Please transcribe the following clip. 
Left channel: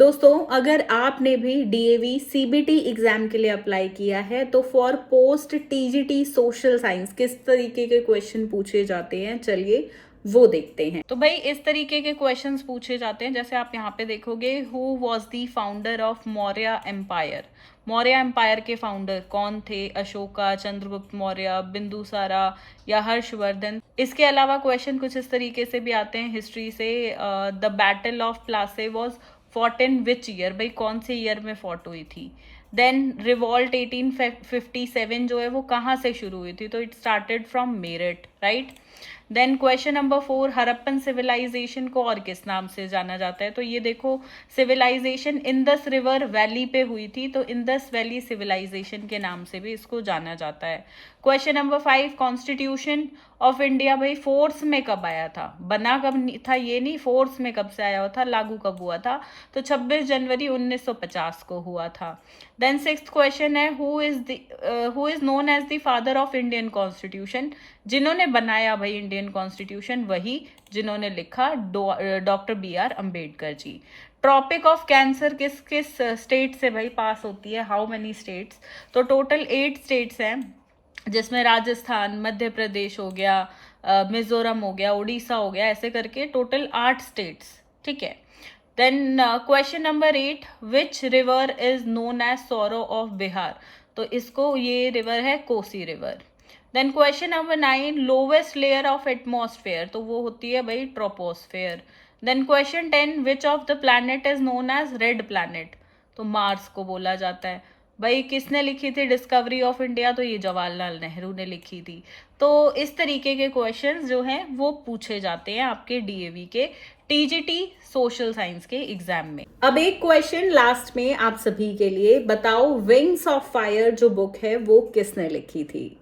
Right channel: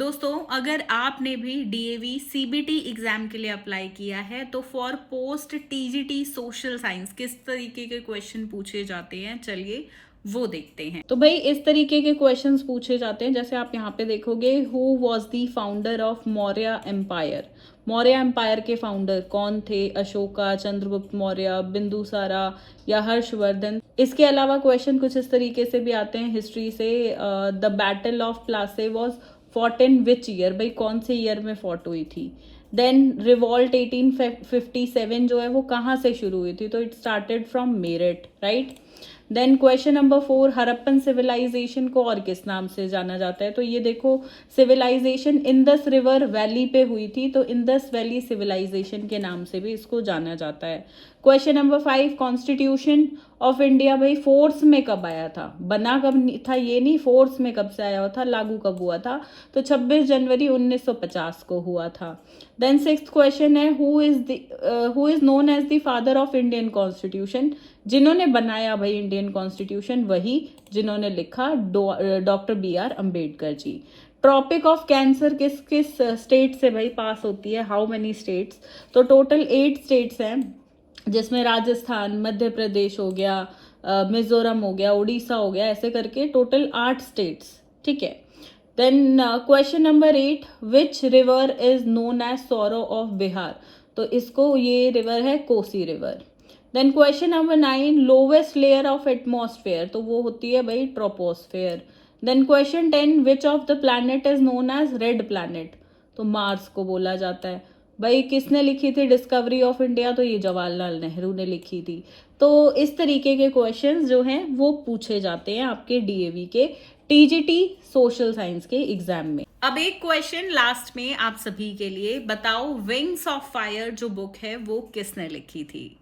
दोस्तों, अगर आपने भी डीएवी सीबीटी एग्जाम के लिए अप्लाई किया है तो for post TGT social science किस तरीके के क्वेश्चन पूछे जाते हैं, चलिए वो देखते हैं। तो भाई इस तरीके के क्वेश्चंस पूछे जाते हैं, जैसे आप यहाँ पे देखोगे, who was the founder of Maurya empire. Maurya empire के फाउंडर कौन थे? अशोका, चंद्रगुप्त मौर्य, बिंदुसारा या हर्षवर्धन। इसके अलावा क्वेश्चन कुछ इस तरीके से भी आते हैं हिस्ट्री से। The battle of Plassey was fought in which year, भाई कौन से ईयर में फॉट हुई थी। देन रिवॉल्ट 1857 जो है वो कहाँ से शुरू हुई थी? तो it started from Meerut, right. Then question number 4, Harappan civilisation को और किस नाम से जाना जाता है? तो ये देखो, सिविलाइजेशन इंदस रिवर वैली पे हुई थी, तो इंदस वैली सिविलाइजेशन के नाम से भी इसको जाना जाता है। Question number 5, constitution of India भाई फोर्स में कब आया था? बना कब था ये नहीं, फोर्स में कब से आया हुआ था, लागू कब हुआ था? तो 26 जनवरी 1950 को हुआ था। देन 6th क्वेश्चन है, who is known as the father of Indian constitution. जिन्होंने बनाया भाई इंडियन कॉन्स्टिट्यूशन वही जिन्होंने लिखा doctor BR Ambedkar ji. Tropic of cancer किस किस स्टेट से भाई पास होती है? How many states? तो टोटल 8 स्टेट्स हैं, जिसमें राजस्थान, मध्य प्रदेश हो गया, मिजोरम हो गया, उड़ीसा हो गया, ऐसे करके टोटल 8 स्टेट्स, ठीक है। Then question number 8, which river is known as sorrow of Bihar. तो इसको ये रिवर है Kosi river. Then question number 9, lowest layer of atmosphere, तो वो होती है भाई troposphere. Then question 10, which of the planet is known as red planet. तो मार्स को बोला जाता है। भाई किसने लिखी थी डिस्कवरी ऑफ इंडिया? तो ये जवाहरलाल नेहरू ने लिखी थी। तो इस तरीके के क्वेश्चंस जो हैं वो पूछे जाते हैं आपके डीएवी के टीजीटी सोशल साइंस के एग्जाम में। अब एक क्वेश्चन लास्ट में आप सभी के लिए, बताओ विंग्स ऑफ फायर जो बुक है वो किसने लिखी थी?